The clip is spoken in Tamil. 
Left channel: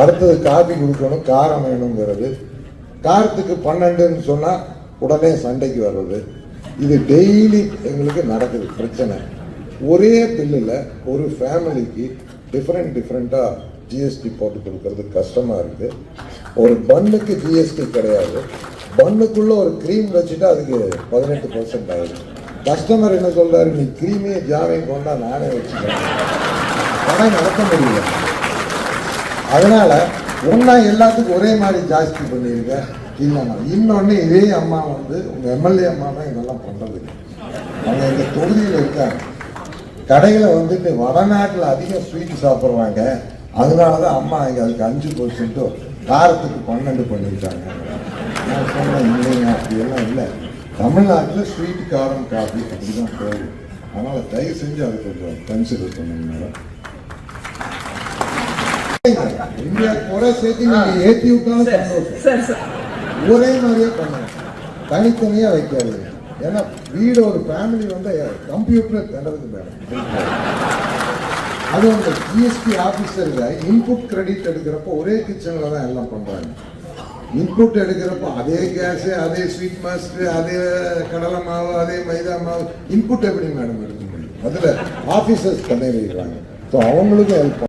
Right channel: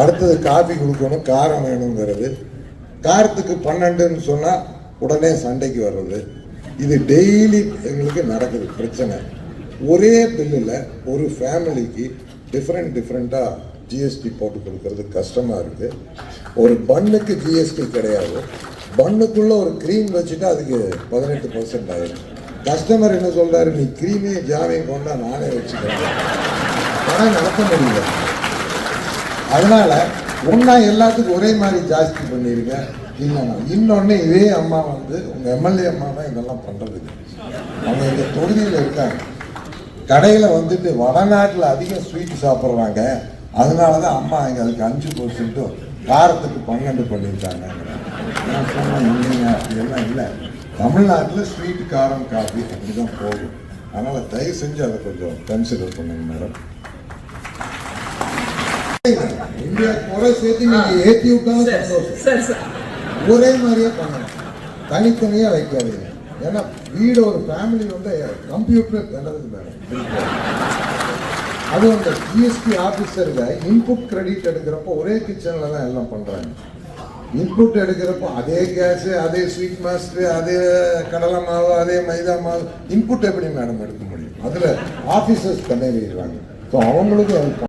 அடுத்தது காஃபி கொடுக்கணும், காரம் வேணுங்கிறது. காரத்துக்கு 12ன்னு சொன்னா உடனே சண்டைக்கு வர்றது. இது டெய்லி எங்களுக்கு நடக்குது பிரச்சனை. ஒரே பில்லில் ஒரு ஃபேமிலிக்கு டிஃப்ரெண்டா ஜிஎஸ்டி போட்டு கொடுக்கறது கஷ்டமா இருக்கு. ஒரு பண்ணுக்கு ஜிஎஸ்டி கிடையாது, பண்ணுக்குள்ள ஒரு கிரீம் வச்சுட்டு அதுக்கு 18% ஆயிடும். கஸ்டமர் என்ன சொல்றாரு, நீ கிரீமே ஜாமையும் கொண்டா நானே வச்சுக்கிறேன், பணம் நடத்த முடியல. அதனால ஒன்னா எல்லாத்துக்கும் ஒரே மாதிரி ஜாஸ்தி பண்ணிருக்க. இன்னொன்னு இதே அம்மா வந்து உங்க எம்எல்ஏ அம்மா தான் இதெல்லாம் பண்றது. அவங்க எங்க தொகுதியில் இருக்காங்க, கடையில வந்துட்டு வடநாட்டில் அதிகம் ஸ்வீட் சாப்பிட்றாங்க, அதனாலதான் அம்மா இங்க அதுக்கு 5% காரத்துக்கு 12 பண்ணிட்டாங்க. நான் சொன்னேன் இல்லைங்க, அப்படியெல்லாம் இல்லை, தமிழ்நாட்டில் ஸ்வீட் காரம் காஃபி அப்படிதான் போகும். அதனால தயவு செஞ்சு அதை கொஞ்சம் கன்சிடர் பண்ணுங்க மேடம். இந்தியா குறை சேர்த்து நீங்க ஏற்றி விட்டாலும் சந்தோஷம், ஒரே மாதிரியே பண்ணணும், தனித்தனியா வைக்காதீங்க. ஏன்னா வீடு ஒரு ஃபேமிலி வந்து கம்ப்யூட்டர் நடக்குது மேடம். அது அந்த ஜிஎஸ்டி ஆபீசருக்கு இன்புட் கிரெடிட் எடுக்கிறப்போ ஒரே கிச்சன்ல தான் எல்லாம் பண்றாங்க. இன்புட் எடுக்கிறப்போ அதே கேஸ், அதே ஸ்வீட் மாஸ்டர், அதே கடலை மாவு, அதே மைதா மாவு, இன்புட் எப்படி மேடம் எடுக்க முடியும்? அதுல ஆபீசர்ஸ் பண்ணி வைக்கிறாங்க. அவங்களுக்கு ஹெல்ப்